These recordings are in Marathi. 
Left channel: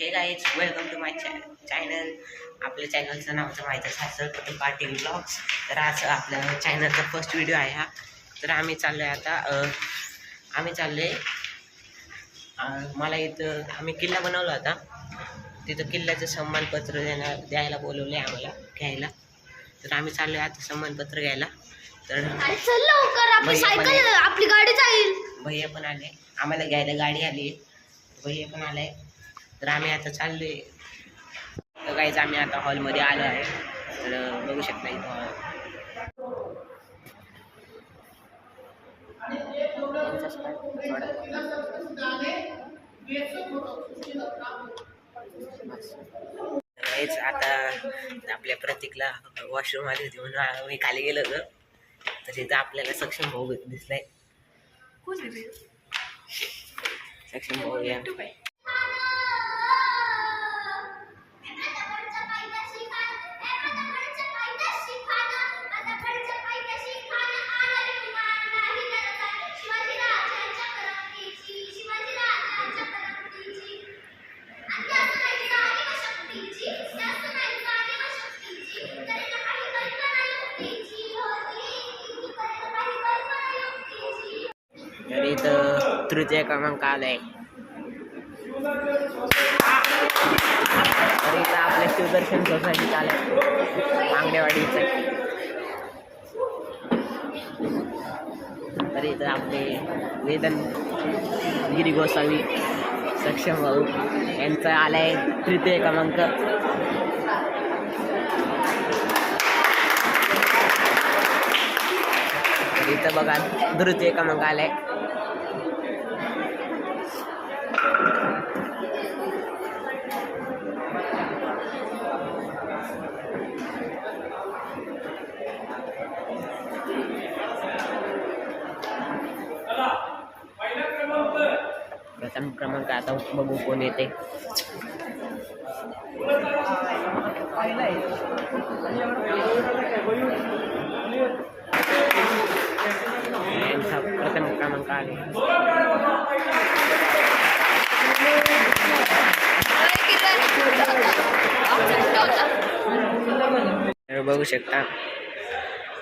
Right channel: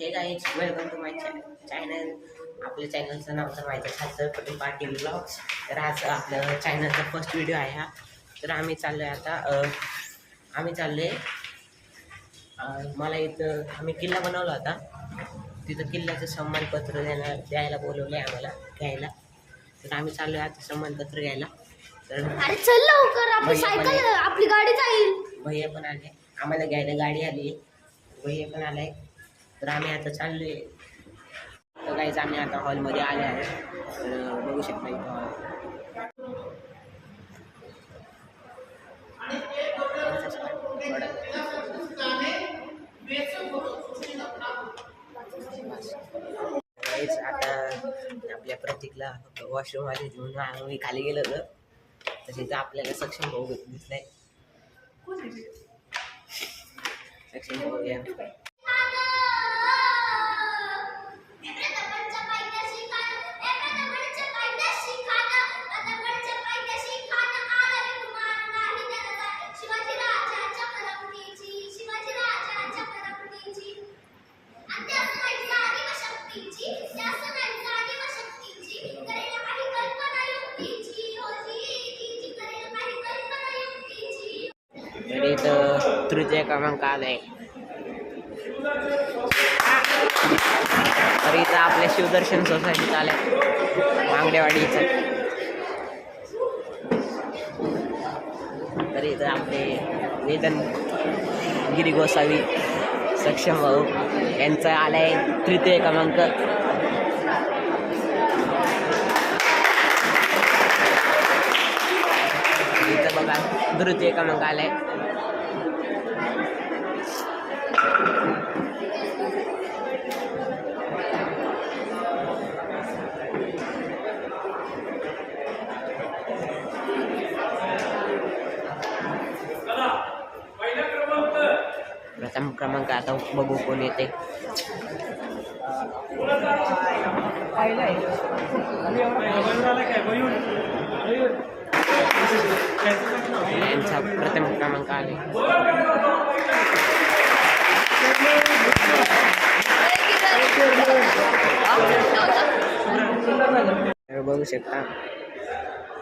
हे guys welcome to my channel आपल्या चॅनलचं नाव तर माहीतच आहे पटेल पाटील ब्लॉग्स तर आज आपलं चॅनलचा फर्स्ट व्हिडिओ आहे हा. तर आम्ही चाललो आहे आता आम्ही चाललो आहे मला इथं आम्ही किल्ला बनवला होता. तिथं किल्ल्याचं सन्मानपत्र देणार द्यायला बोलवलं आहे आम्हाला घ्यायला. तर आम्ही चाललो आहे आता सन्मानपत्र घ्यायला. तर आपली गाडी जाईल भैया पण आले. आम्हाला घ्यायला गाडी आली. भैया पण आलाय तर आम्ही आता चाललोय. तर काहीच आम्ही आता हॉलमध्ये आलो आहे. तर बघू शकता इथं हॉल काहीच आता आपल्या प्रतीकला वॉशरूम आली होती म्हणून आम्ही खाली गेलो होतो. तर तिथं आपल्याला सक्षम भाऊ दिसलाय. सक्षम भाऊ इथं तृतीय क्रमांक आलाय. तर इथं आपल्या शिवदर्शन सोसायटीत आलंय. मांगडेवाडीचं. तर इथं आपले वेदन गिरी गोसावी सक्षम भाऊ यांचा आलाय तृतीय क्रमांक. तर इथं बघा तृतीय क्रमांक आलाय प्रथम क्रमांक आता बघू कोण येते यांचा प्रथम क्रमांक आले तर बघू शकता.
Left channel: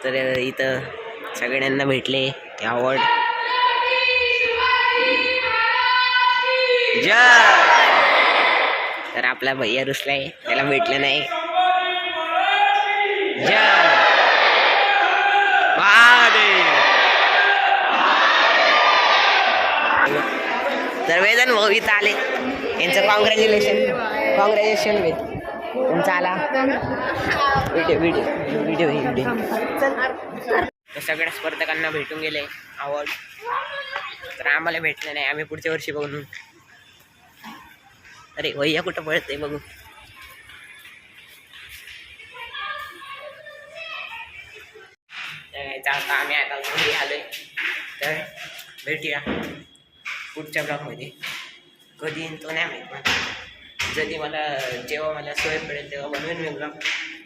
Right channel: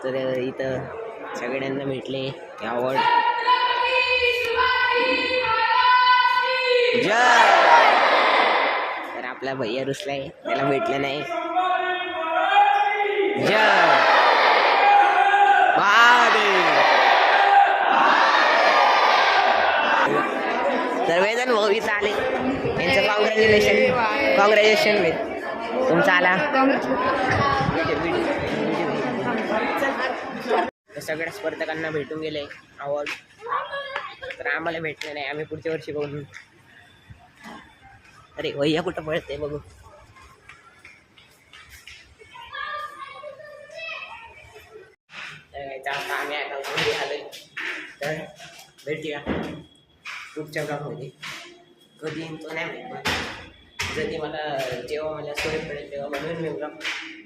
तर इथं सगळ्यांना भेटले ते अवॉर्ड तर आपला भैया रुसलाय त्याला भेटलं नाही. जय! महादेव तर वेदन भाऊ इथं आले. यांचं कॉंग्रॅच्युलेशन कॉंग्रॅच्युलेशन वेद. तुमचा आला. व्हिडिओ व्हिडिओ व्हिडिओ व्हिडिओ तर सगळ्या स्पर्धकांना भेटून गेले अवॉर्ड तर आम्हाला भेटलं नाही. आम्ही पुढच्या वर्षी बघून अरे भैया कुठं पळते बघू. आता. आम्ही आता घरी आलोय. तर भेटूया. पुढच्या ब्लॉगमध्ये. कधी येईन तो नाही माहीत मला. जरी मला जेव्हा मला सोय पडेल तेव्हा बनवेन मी ब्लॉग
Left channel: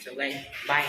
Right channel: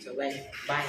सो बाय बाय